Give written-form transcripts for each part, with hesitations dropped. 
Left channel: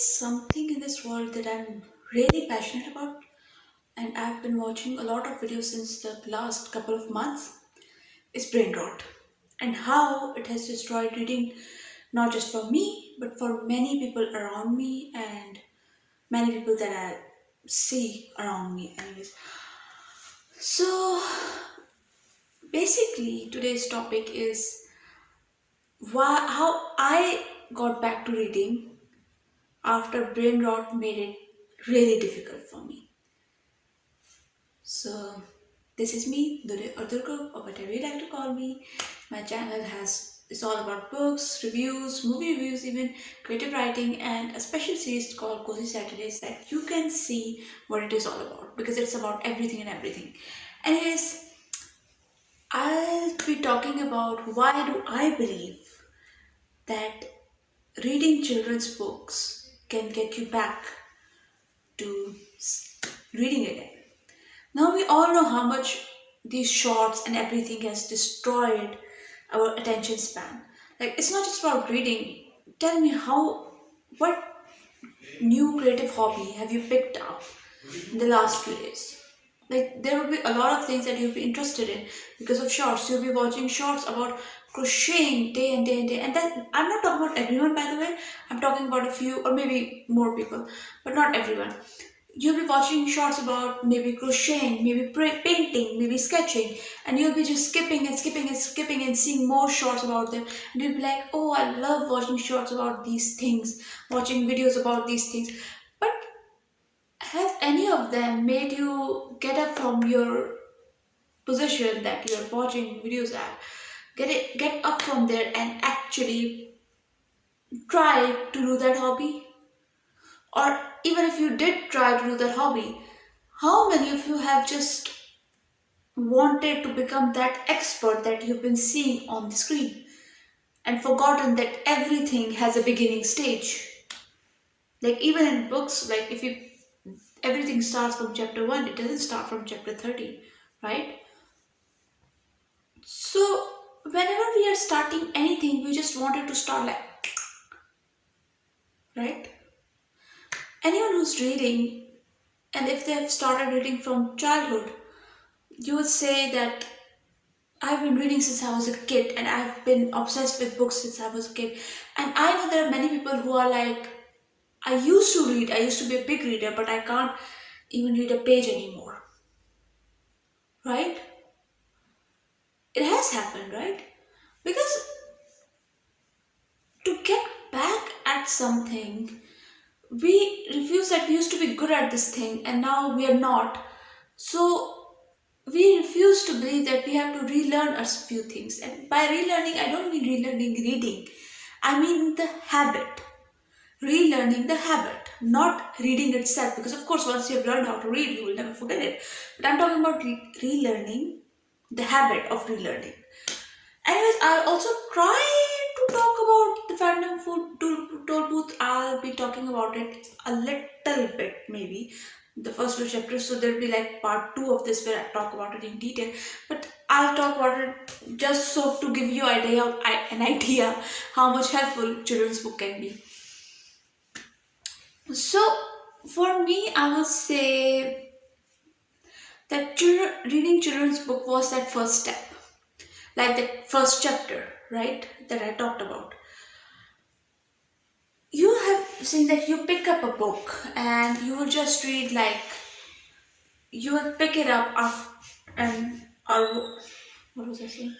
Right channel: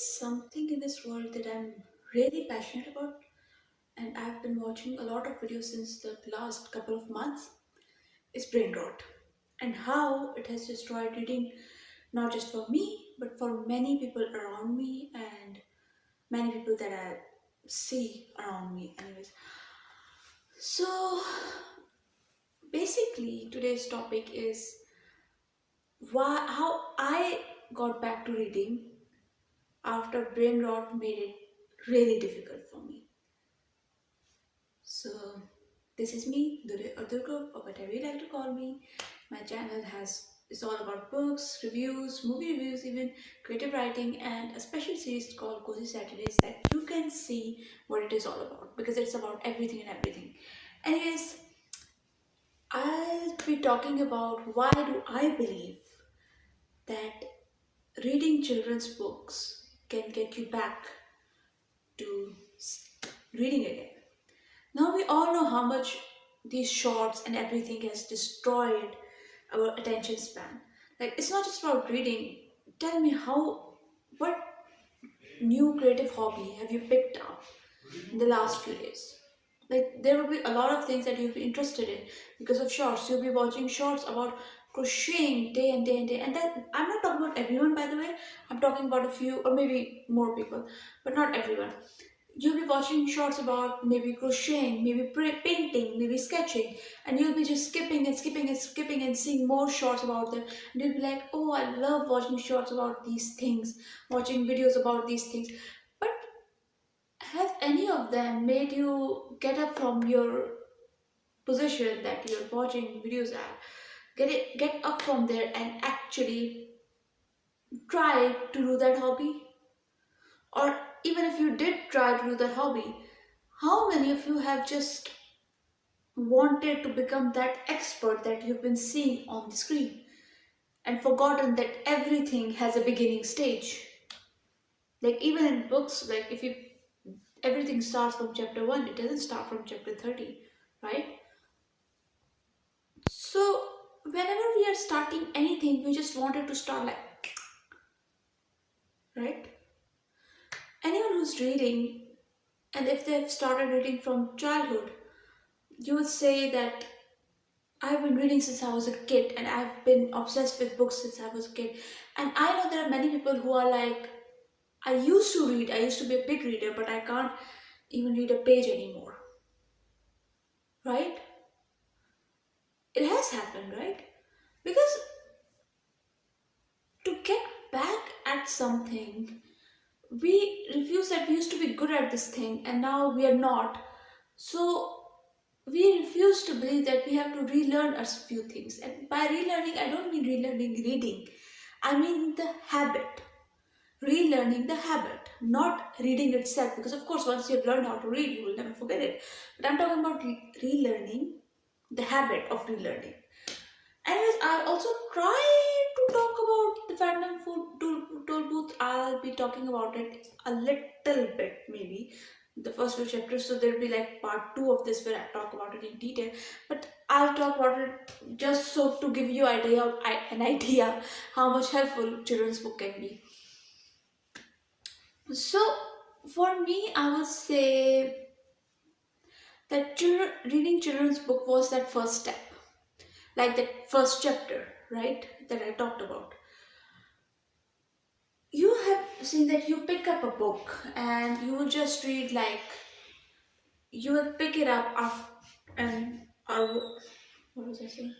something in this world that I'm really passionate about, and I've been watching a lot of videos since the last couple of months, is brain rot and how it has destroyed reading not just for me but for many people around me and many people that I see around me, anyways. So, basically, today's topic is how I got back to reading after brain rot made it really difficult for me. So, this is me, or Durkook, or whatever you like to call me. My channel is all about books, reviews, movie reviews, even creative writing, and a special series called Cozy Saturdays that you can see what it is all about because it's about everything and everything. Anyways, I'll be talking about why do I believe that reading children's books can get you back to reading again. Now we all know how much these shorts and everything has destroyed our attention span. Like it's not just about reading. Tell me what new creative hobby have you picked up in the last few days? Like there will be a lot of things that you'll be interested in because of shorts. You'll be watching shorts about crocheting day and day and day. And then I'm not talking about everyone, by the way. I'm talking about a few or maybe more people, but not everyone. You'll be watching shorts about maybe crocheting, maybe painting, maybe sketching, and you'll be just skipping and skipping and skipping and seeing more shorts about them. And you'll be like, oh, I love watching shorts about these things, watching videos about these things. But have any of them made you get up from your position that you're watching videos at? Get up from there and actually try to do that hobby? Or even if you did try to do that hobby, how many of you have just wanted to become that expert that you've been seeing on the screen and forgotten that everything has a beginning stage? Like even in books, like if you everything starts from chapter 1, it doesn't start from chapter 30, right? So whenever we are starting anything, we just wanted to start like, right? Anyone who's reading, and if they've started reading from childhood, you would say that I've been reading since I was a kid and I've been obsessed with books since I was a kid. And I know there are many people who are like, I used to read, I used to be a big reader, but I can't even read a page anymore. Right? It has happened, right? Because to get back at something, we refuse that we used to be good at this thing and now we are not. So we refuse to believe that we have to relearn a few things. And by relearning, I don't mean relearning reading, I mean the habit. Relearning the habit, not reading itself. Because, of course, once you've learned how to read, you will never forget it. But I'm talking about relearning the habit of relearning. Anyways, I'll also try to talk about the fandom food Tollbooth. I'll be talking about it a little bit, maybe the first few chapters. So there'll be like part 2 of this where I talk about it in detail. But I'll talk about it just so to give you an idea how much helpful children's book can be. So for me, I would say that reading children's book was that first step, like the first chapter, right? That I talked about. You have seen that you pick up a book and you will just read like you will pick it up and or what was I saying?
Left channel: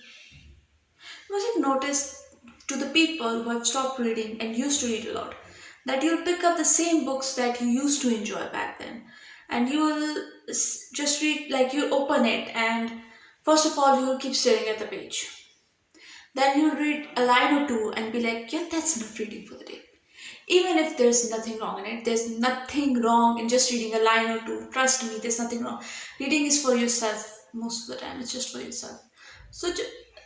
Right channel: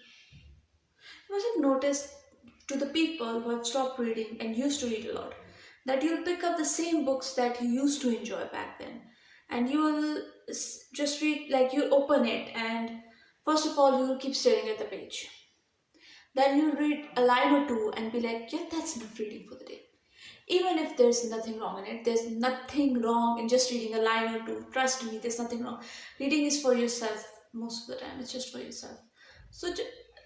You must have noticed to the people who have stopped reading and used to read a lot that you'll pick up the same books that you used to enjoy back then, and you will just read like you'll open it and first of all you will keep staring at the page. Then you'll read a line or two and be like, yeah, that's enough reading for the day. Even if there's nothing wrong in it, there's nothing wrong in just reading a line or two. Trust me, there's nothing wrong. Reading is for yourself most of the time. It's just for yourself. So,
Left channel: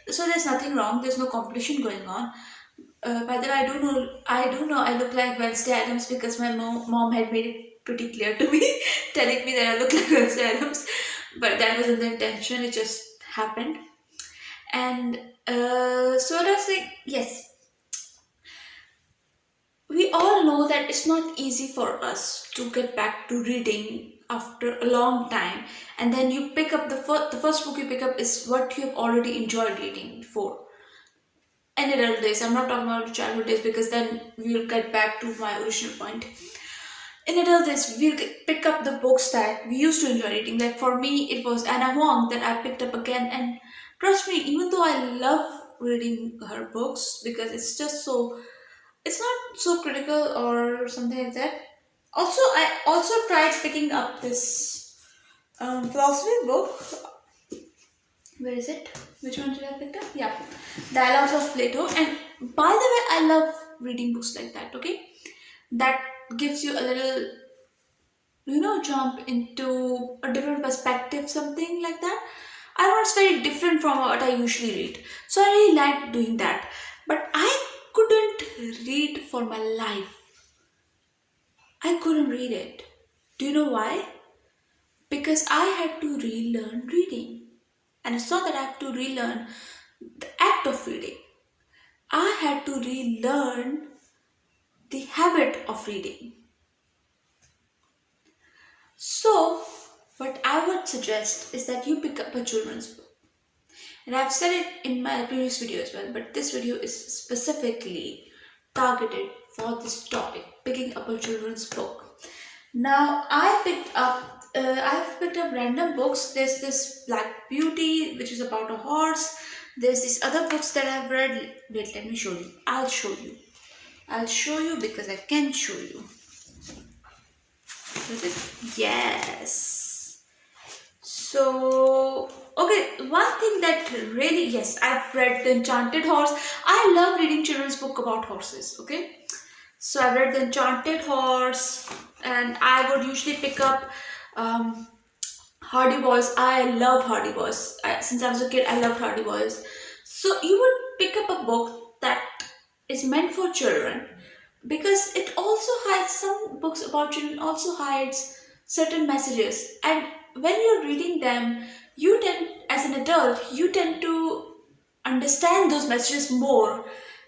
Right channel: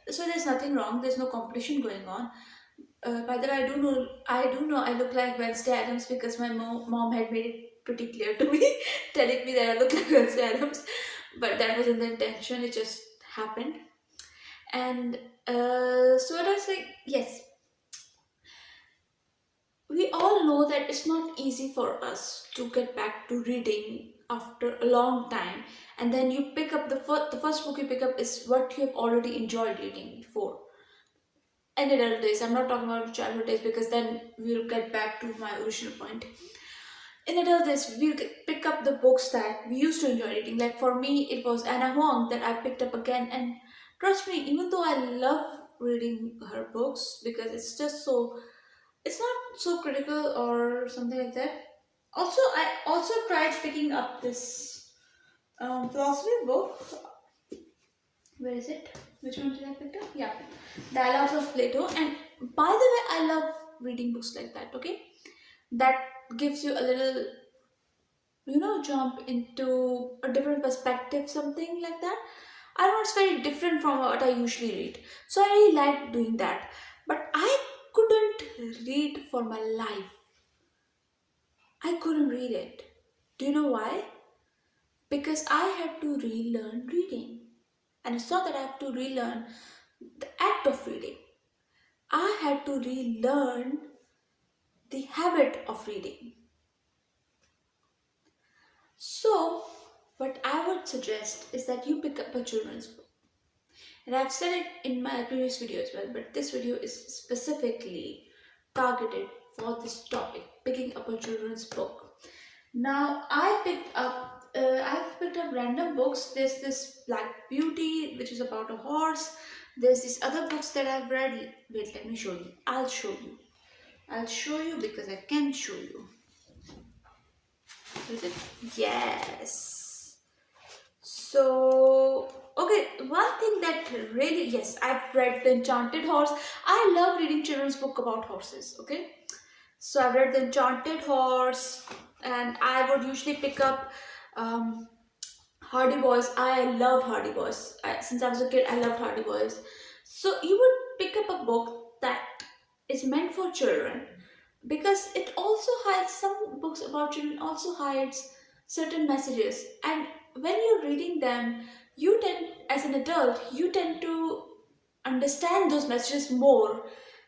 so there's nothing wrong. There's no competition going on. By the way, I do know I look like Wednesday Adams because my mom had made it pretty clear to me, telling me that I look like Wednesday Adams. But that wasn't the intention. It just happened. And so I was like, yes, we all all know that it's not easy for us to get back to reading after a long time, and then you pick up the first book you pick up is what you have already enjoyed reading before. In adult days, I'm not talking about childhood days because then we'll get back to my original point. In adult days, we'll pick up the books that we used to enjoy reading. Like for me, it was Anna Huang that I picked up again, and trust me, even though I love reading her books because it's just so, it's not so critical or something like that. Also, I also tried picking up this philosophy book. Where is it? Which one did I pick up? Yeah, Dialogues of Plato. And by the way, I love reading books like that. Okay, that gives you a little, jump into a different perspective, something like that. I know it's very different from what I usually read, so I really like doing that. But I couldn't read for my life. I couldn't read it. Do you know why? Because I had to relearn reading. And it's not that I have to relearn the act of reading. I had to relearn the habit of reading. So, what I would suggest is that you pick up a children's book. And I've said it in my previous video as well, but this video is specifically targeted for this topic, picking up a children's book. Now, I've picked up random books. There's this Black Beauty, which is about a horse. There's these other books that I've read. Wait, let me show you. I'll show you. I'll show you because I can show you. Is it? Yes. So, okay, one thing that really, yes, I've read The Enchanted Horse. I love reading children's book about horses, okay? So I read The Enchanted Horse, and I would usually pick up Hardy Boys. I love Hardy Boys. Since I was a kid, I loved Hardy Boys. So you would pick up a book that is meant for children because it also hides, some books about children also hides certain messages, and when you're reading them, you tend, as an adult, you tend to understand those messages more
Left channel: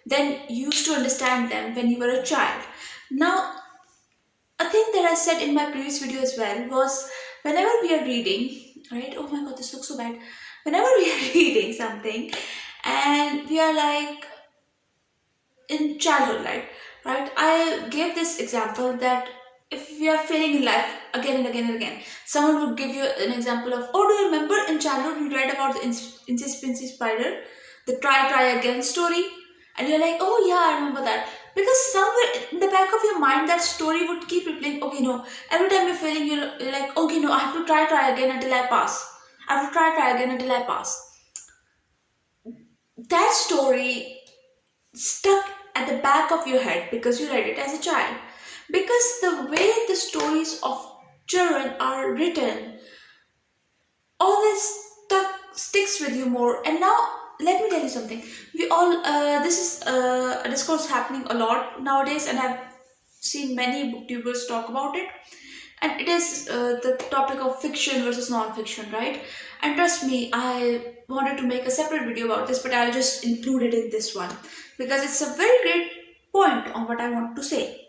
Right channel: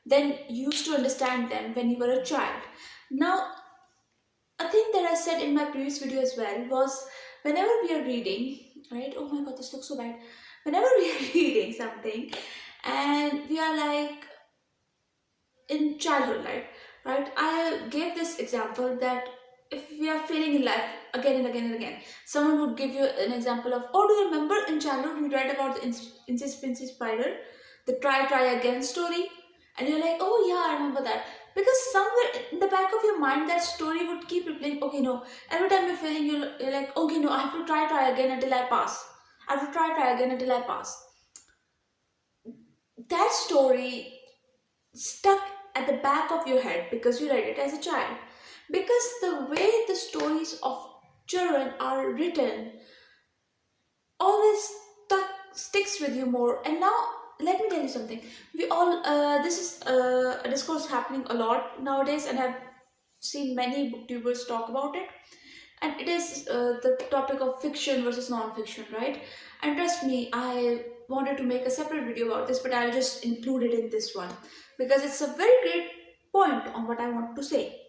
than you used to understand them when you were a child. Now, a thing that I said in my previous video as well was, whenever we are reading, right? Oh my god, this looks so bad. Whenever we are reading something and we are like in childhood, right? I gave this example that if we are failing in life again and again and again, someone would give you an example of, oh, do you remember in childhood we read about the Incy Spinsy Spider, the try again story? And you're like, oh yeah, I remember that. Because somewhere in the back of your mind, that story would keep replaying, okay, no, every time you're failing, you're like, okay, no, I have to try again until I pass. I have to try again until I pass. That story stuck at the back of your head because you read it as a child. Because the way the stories of children are written always sticks with you more. And now let me tell you something. We all this is a discourse happening a lot nowadays, and I've seen many booktubers talk about it. And it is the topic of fiction versus non-fiction, right? And trust me, I wanted to make a separate video about this, but I'll just include it in this one because it's a very great point on what I want to say.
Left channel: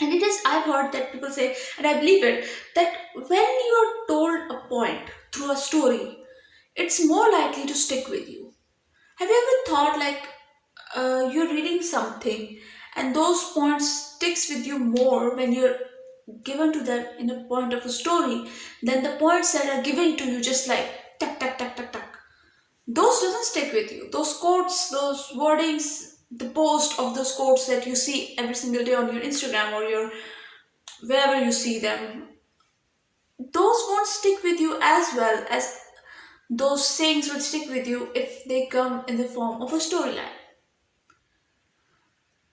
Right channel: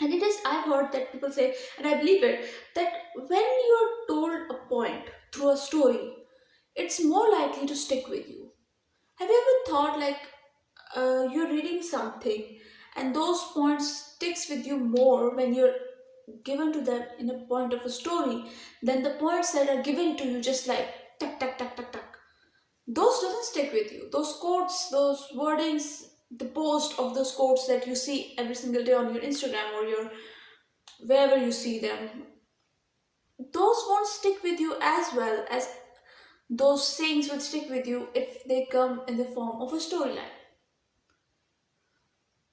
And it is, I've heard that people say, and I believe it, that when you are told a point through a story, it's more likely to stick with you. Have you ever thought like you're reading something and those points sticks with you more when you're given to them in a point of a story than the points that are given to you just like tuck tuck tuck tuck tuck? Those doesn't stick with you. Those quotes, those wordings, the post of those quotes that you see every single day on your Instagram or your wherever you see them, those won't stick with you as well as those sayings would stick with you if they come in the form of a storyline.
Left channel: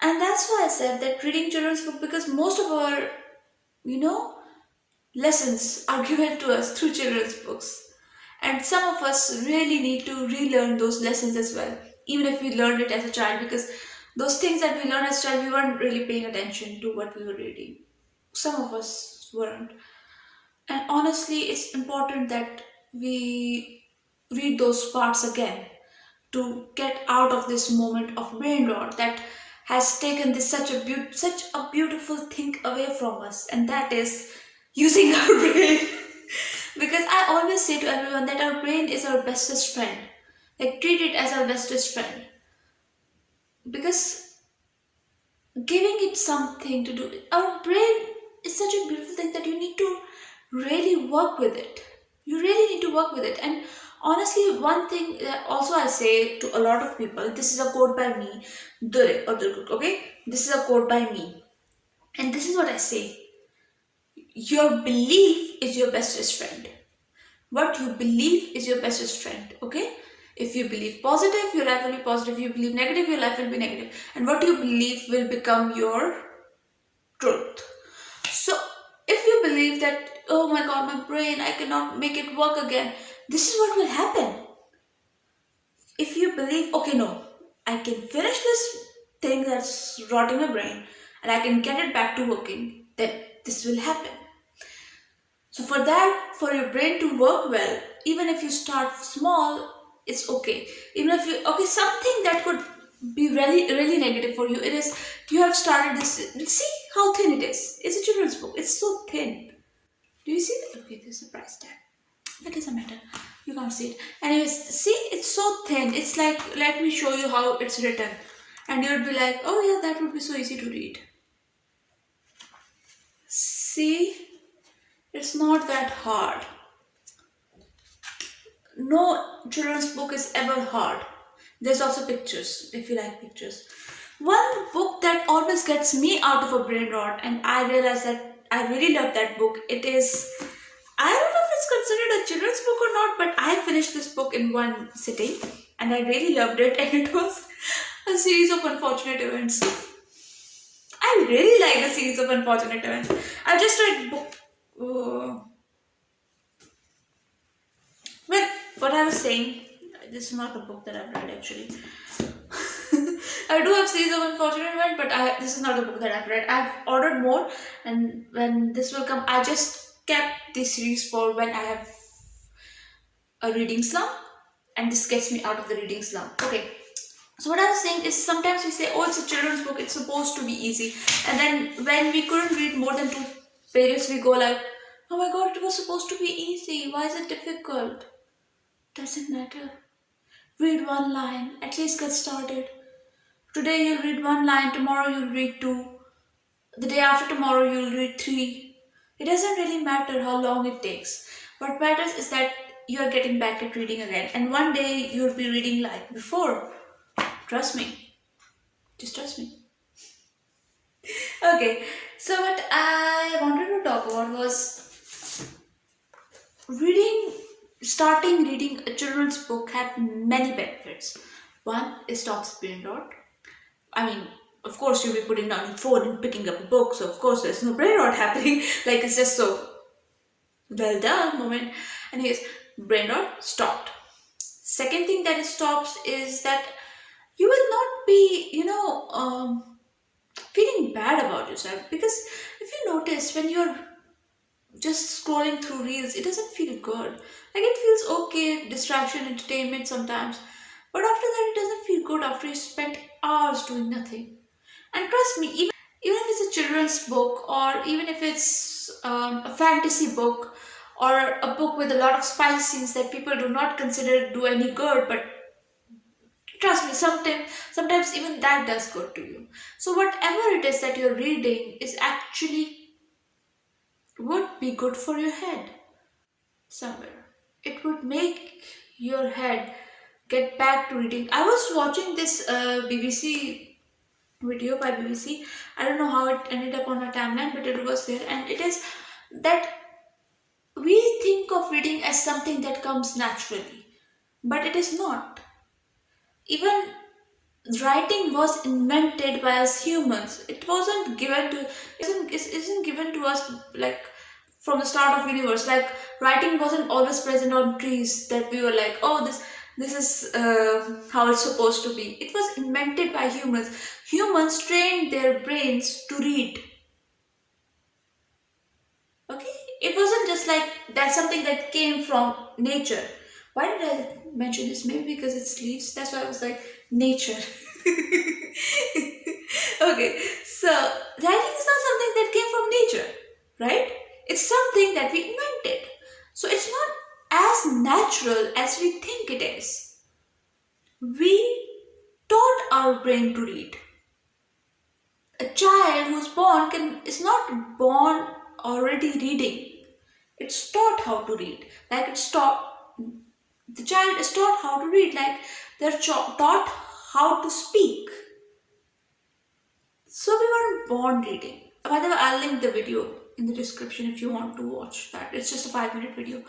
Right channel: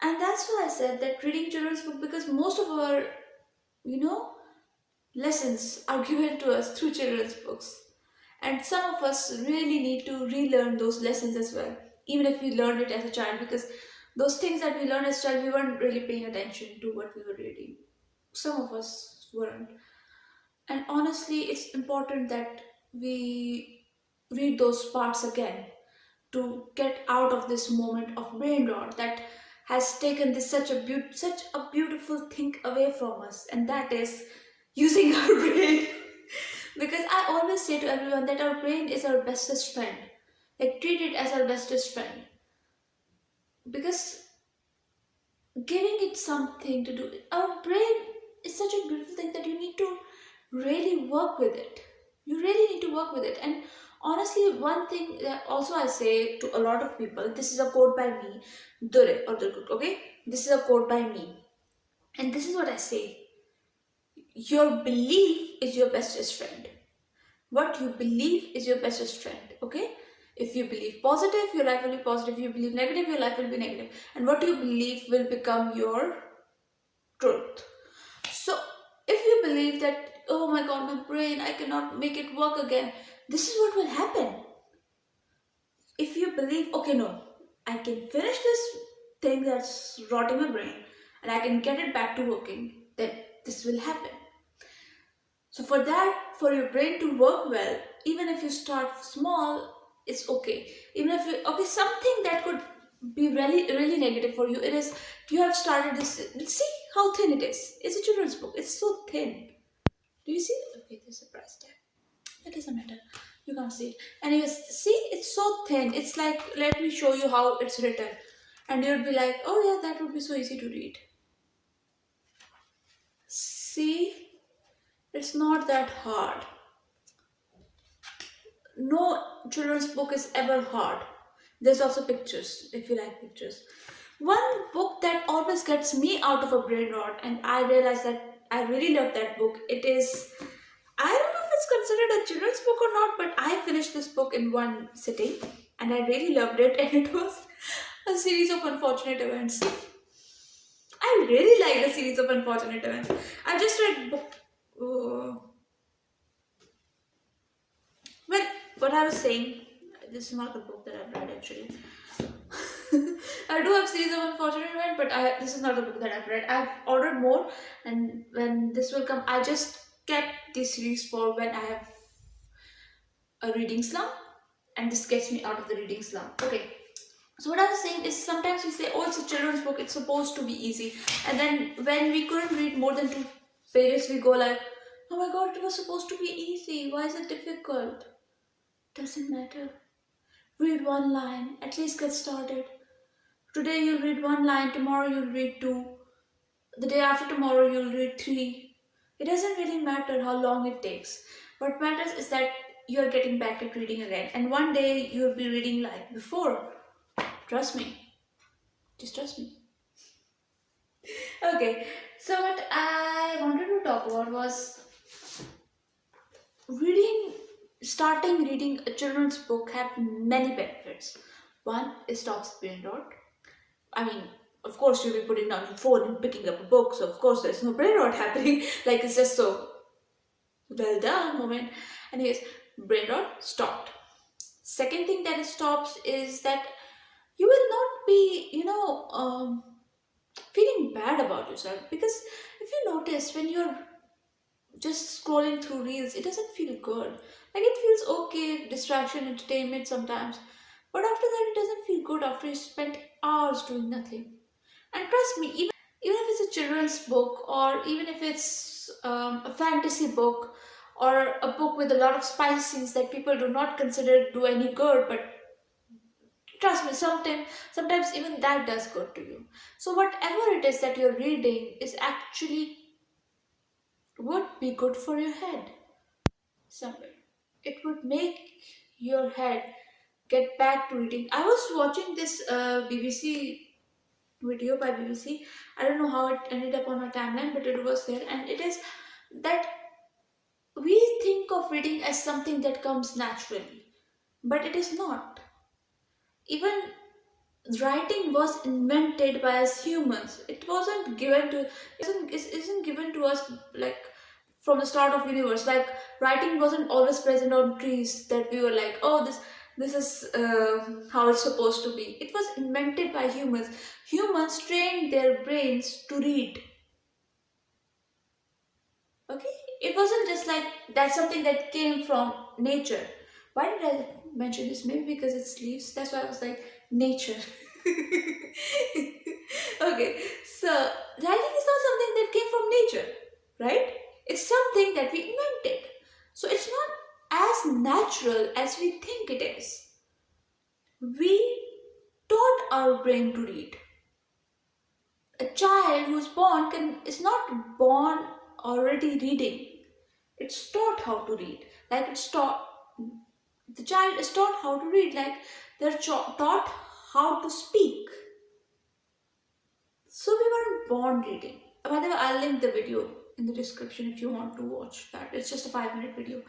And that's why I said that reading children's book, because most of our, you know, lessons are given to us through children's books. And some of us really need to relearn those lessons as well, even if we learned it as a child, because those things that we learned as a child, we weren't really paying attention to what we were reading. Some of us weren't. And honestly, it's important that we read those parts again to get out of this moment of brain rot that has taken this such a beautiful thing away from us, and that is using our brain. Because I always say to everyone that our brain is our bestest friend. Like, treat it as our bestest friend. Because giving it something to do, our brain is such a beautiful thing that you need to really work with it. You really need to work with it. And honestly, one thing that also I say to a lot of people, this is a quote by me, Durkook, okay? This is a quote by me. And this is what I say. Your belief is your bestest friend. What you believe is your bestest friend, okay? If you believe positive, your life will be positive. If you believe negative, your life will be negative. And what you believe will become your truth. So, if you believe that, oh my god, my brain, I cannot make it work again, this is what will happen. If you believe, okay, no, I can finish this thing that's rotting my brain and I can get it back to working, then this will happen. So for that, for your brain to work well, even if you start small, it's okay. Even if you, okay, something that could be really negative for you, it is, you have started this, see how thin it is. It's a children's book, it's so thin. Do you see that? Okay, there's a price tag. That doesn't matter. You can't see it. Anyways, see, it's so thin. It's like, let me show you how it's written. And you'd be like, oh yeah, that would be so easy to read. See, it's not that hard. No children's book is ever hard. There's also pictures, if you like pictures. One book that always gets me out of a brain rot, and I realize that I really love that book. It is, I don't know if it's considered a children's book or not, but I finished this book in one sitting and I really loved it, and it was a series of unfortunate events. I really like the series of unfortunate events. I've just read book. Well, what I was saying, this is not a book that I've read actually. I do have series of unfortunate events, but this is not a book that I've read. I've ordered more, and when this will come, I just kept this series for when I have a reading slump, and this gets me out of the reading slump. Okay. So what I was saying is, sometimes we say, oh, it's a children's book, it's supposed to be easy. And then when we couldn't read more than 2 pages, we go like, oh my god, it was supposed to be easy. Why is it difficult? Doesn't matter. Read one line, at least get started. Today you'll read one line, tomorrow you'll read 2. The day after tomorrow you'll read 3. It doesn't really matter how long it takes. What matters is that you are getting back at reading again. And one day you'll be reading like before. Trust me. Just trust me. Okay, so what I wanted to talk about was starting reading a children's book had many benefits. One, it stops brain rot. I mean, of course you'll be putting down your phone and picking up a book, so of course there's no brain rot happening. Like, it's just so well done moment. And yes, brain rot stopped. Second thing that it stops is that you will not be, feeling bad about yourself. Because if you notice, when you're just scrolling through reels, it doesn't feel good. Like, it feels okay, distraction, entertainment sometimes. But after that, it doesn't feel good after you spent hours doing nothing. And trust me, even if it's a children's book, or even if it's a fantasy book, or a book with a lot of spicy scenes that people do not consider do any good, but trust me, sometimes even that does good to you. So whatever it is that you're reading is actually would be good for your head somewhere. It would make your head get back to reading. I was watching this BBC video by BBC. I don't know how it ended up on my timeline, but it was there, and it is that we think of reading as something that comes naturally, but it is not. Even writing was invented by us humans. It wasn't given to isn't given to us like from the start of universe. Like, writing wasn't always present on trees that we were like, oh, this is how it's supposed to be. It was invented by humans. Humans trained their brains to read. Okay, it wasn't just like that's something that came from nature. Why did I mention this? Maybe because it's leaves. That's why I was like nature. Okay, so writing is not something that came from nature, right? It's something that we invented. So it's not as natural as we think it is. We taught our brain to read. A child who's born is not born already reading. It's taught how to read. Like it's taught the child is taught how to read. Like they're taught how to speak. So we weren't born reading. By the way, I'll link the video in the description if you want to watch that. It's just a 5-minute video.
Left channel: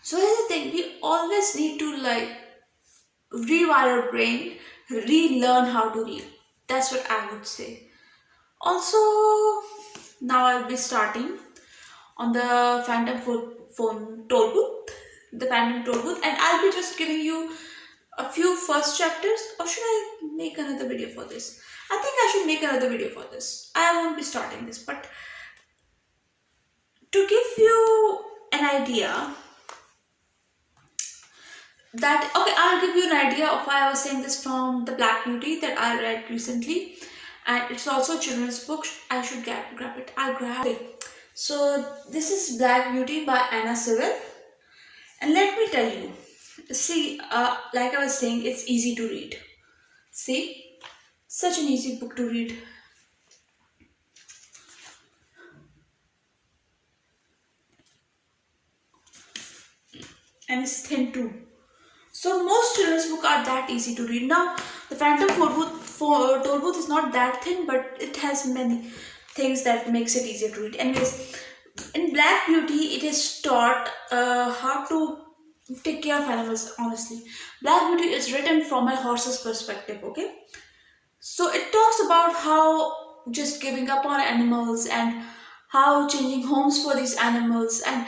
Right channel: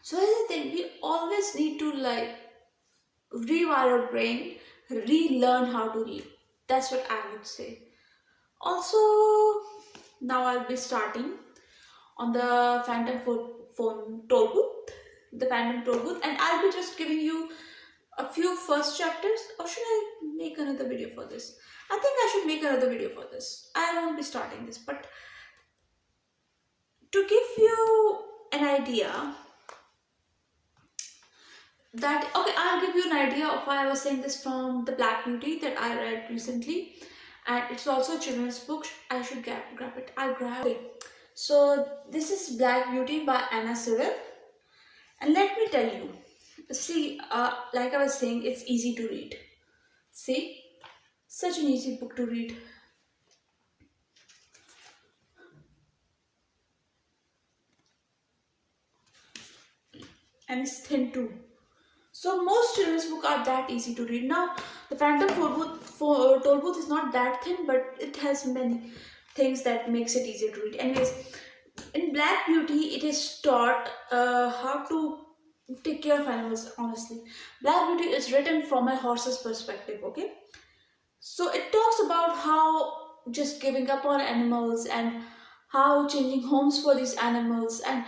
So here's the thing: we always need to like rewire our brain, relearn how to read. That's what I would say. Also, now I'll be starting on the Phantom phone Tollbooth, the Phantom Tollbooth, and I'll be just giving you a few first chapters. Or should I make another video for this? I think I should make another video for this. I won't be starting this, but to give you an idea that, okay, I'll give you an idea of why I was saying this from the Black Beauty that I read recently, and it's also a children's book. I should grab it. I'll grab it. So this is Black Beauty by Sewell, and let me tell you, see, like I was saying, it's easy to read. See, such an easy book to read. And it's thin too. So most children's books are that easy to read. Now the Phantom Tollbooth is not that thin, but it has many things that makes it easier to read. Anyways, in Black Beauty, it is taught how to take care of animals. Honestly, Black Beauty is written from a horse's perspective. Okay, so it talks about how just giving up on animals and how changing homes for these animals and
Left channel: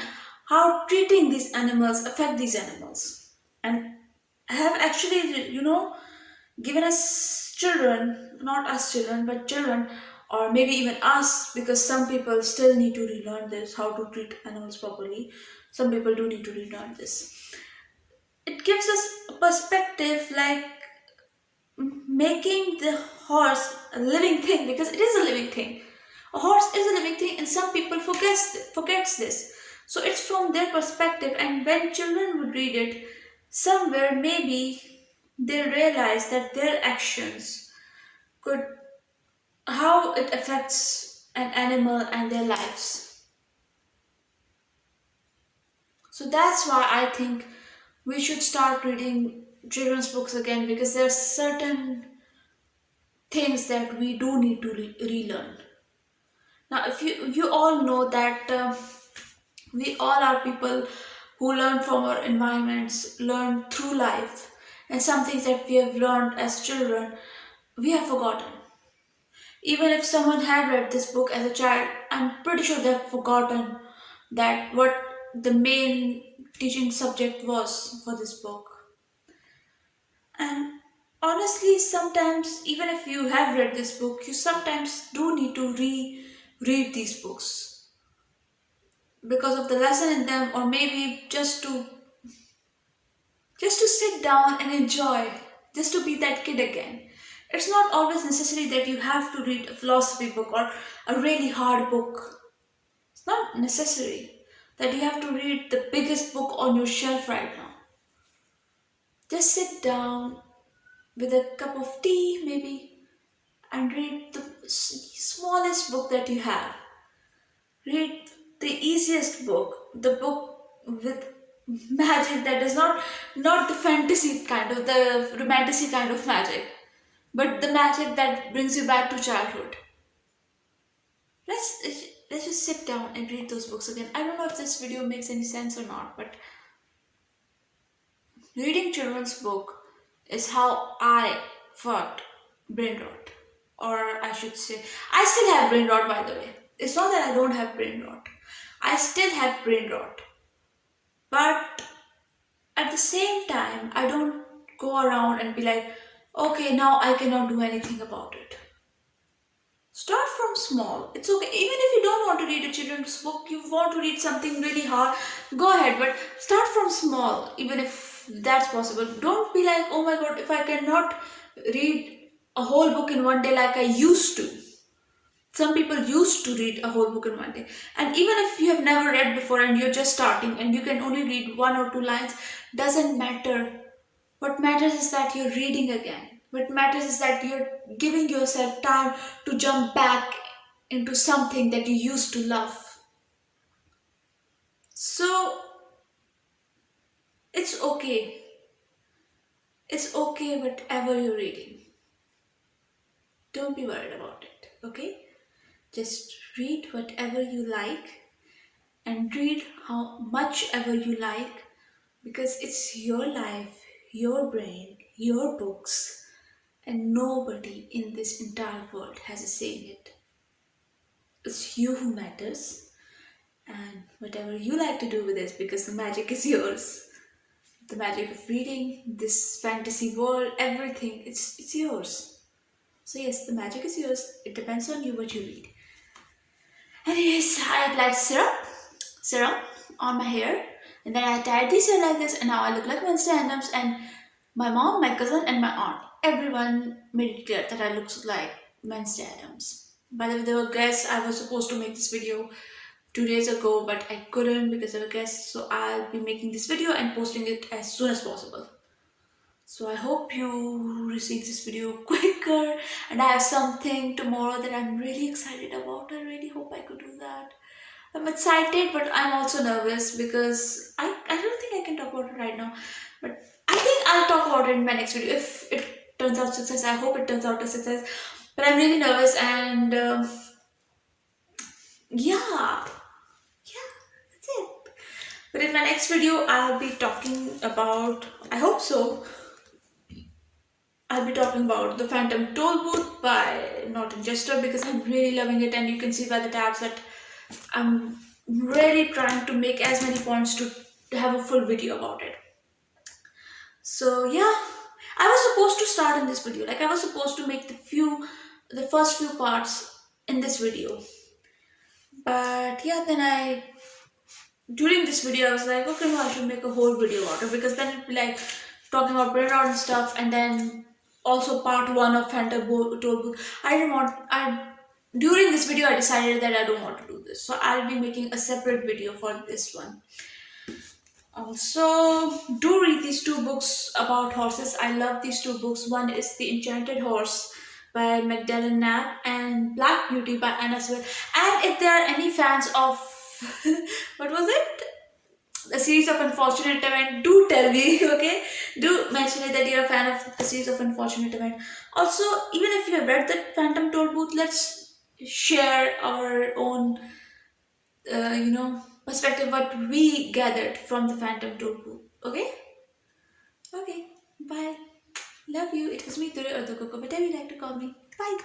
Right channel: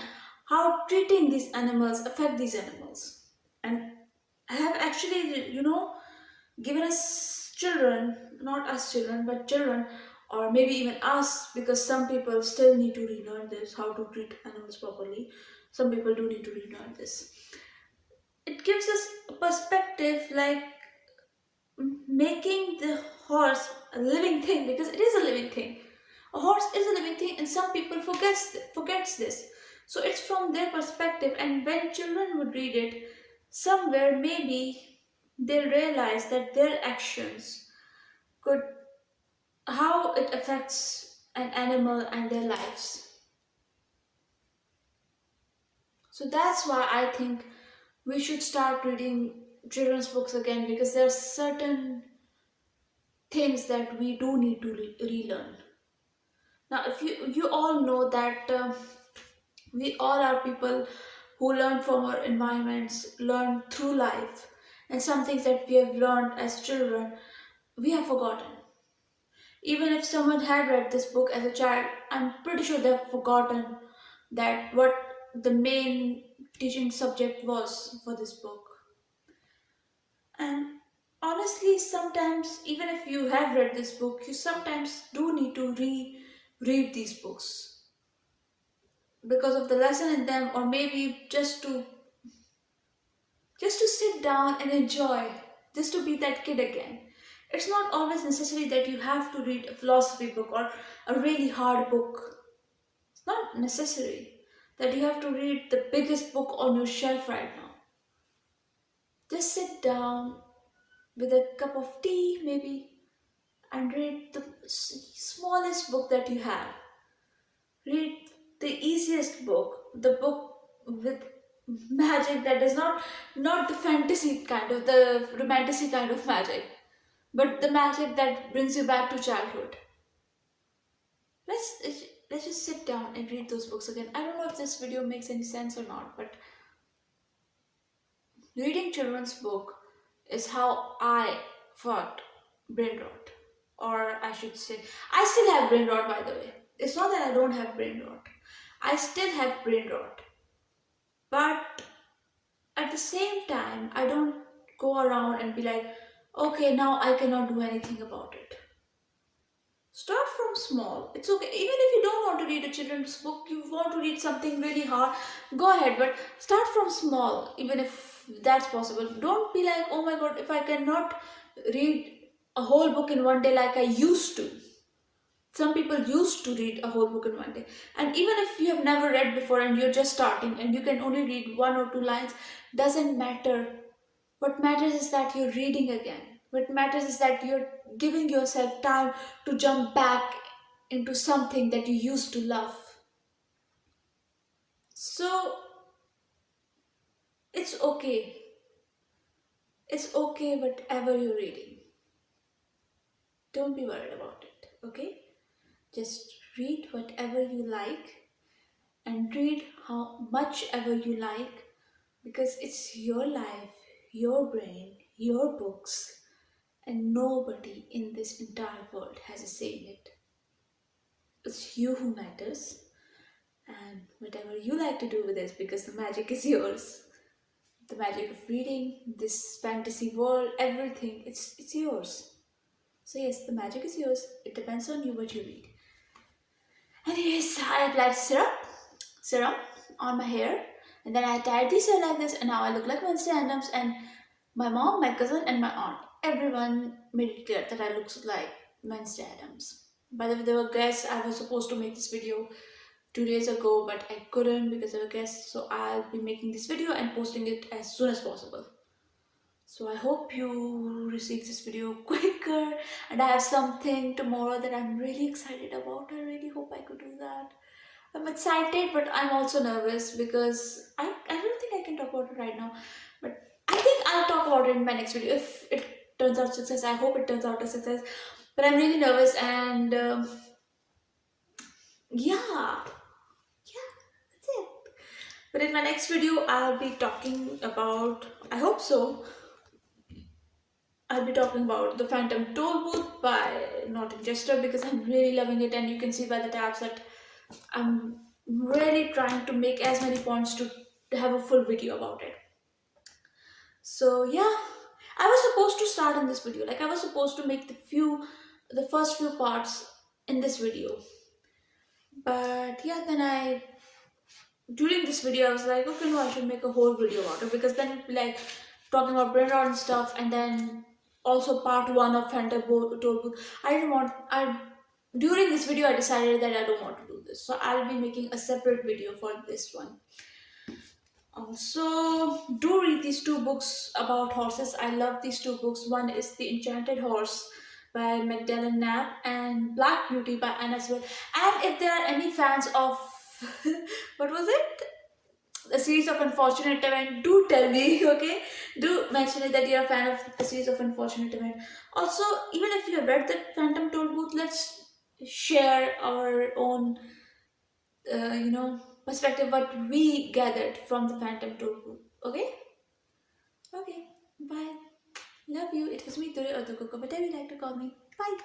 how treating these animals affect these animals, and have actually, given us children, not us children, but children, or maybe even us, because some people still need to relearn this, how to treat animals properly. Some people do need to relearn this. It gives us a perspective like making the horse a living thing, because it is a living thing. A horse is a living thing, and some people forgets this. So it's from their perspective, and when children would read it, somewhere maybe they'll realize that their actions could, how it affects an animal and their lives. So that's why I think we should start reading children's books again, because there are certain things that we do need to relearn. Now, if you all know that we all are people who learn from our environments, learn through life, and some things that we have learned as children, we have forgotten. Even if someone had read this book as a child, I'm pretty sure they've forgotten that what the main teaching subject was for this book. And honestly, sometimes, even if you have read this book, you sometimes do need to read these books because of the lesson in them, or maybe just to sit down and enjoy, just to be that kid again. It's not always necessary that you have to read a philosophy book or a really hard book. It's not necessary that you have to read the biggest book on your shelf right now. Just sit down with a cup of tea maybe and read the smallest book that you have. Read the easiest book, the book with magic that is not the fantasy kind of, the romantic kind of magic, but the magic that brings you back to childhood. Let's just sit down and read those books again. I don't know if this video makes any sense or not, but reading children's book is how I fought brain rot, or I should say, I still have brain rot, by the way. It's not that I don't have brain rot. I still have brain rot, but at the same time, I don't go around and be like, okay, now I cannot do anything about it. Start from small. It's okay. Even if you don't want to read a children's book, you want to read something really hard, go ahead. But start from small, even if that's possible. Don't be like, oh my god, if I cannot read a whole book in one day like I used to. Some people used to read a whole book in one day. And even if you have never read before and you're just starting and you can only read one or two lines, doesn't matter. What matters is that you're reading again. What matters is that you're giving yourself time to jump back into something that you used to love. So it's okay. It's okay whatever you're reading. Don't be worried about it, okay? Just read whatever you like and read how much ever you like, because it's your life, your brain, your books, and nobody in this entire world has a say in it. It's you who matters, and whatever you like to do with this, because the magic is yours. The magic of reading, this fantasy world, everything, it's yours. So yes, the magic is yours. It depends on you what you read. Anyways, I applied serum on my hair, and then I tied this hair like this, and now I look like Wednesday Addams. And my mom, my cousin, and my aunt, everyone made it clear that I look like Wednesday Addams. By the way, there were guests. I was supposed to make this video 2 days ago, but I couldn't because there were guests. So I'll be making this video and posting it as soon as possible. So I hope you receive this video quicker, and I have something tomorrow that I'm really excited about. I really hope I could do that. I'm excited, but I'm also nervous because I don't think I can talk about it right now. But I think I'll talk about it in my next video. If it turns out success, I hope it turns out a success. But I'm really nervous, and yeah, that's it. But in my next video, I'll be talking about, I hope so, I'll be talking about The Phantom Tollbooth by Norton Jester, because I'm really loving it, and you can see by the tabs that I'm really trying to make as many points to have a full video about it. So yeah, I was supposed to start in this video, like I was supposed to make the first few parts in this video. But yeah, then during this video I was like, okay, no, I should make a whole video about it, because then it'd be like talking about BrainRot and stuff, and then also part 1 of Phantom Tollbooth. During this video I decided that I don't want to do this, so I'll be making a separate video for this one. Also, do read these two books about horses. I love these two books. One is The Enchanted Horse by Magdalen, Nabb, and Black Beauty by Sewell. And if there are any fans of what was it? A series of Unfortunate Event, do tell me, okay? Do mention it that you're a fan of the series of Unfortunate Event. Also, even if you have read the Phantom Tollbooth, let's share our own, perspective, what we gathered from the Phantom Tollbooth. Okay? Okay. Bye. Love you. It was me, Durkook, or whatever you like to call me. Bye.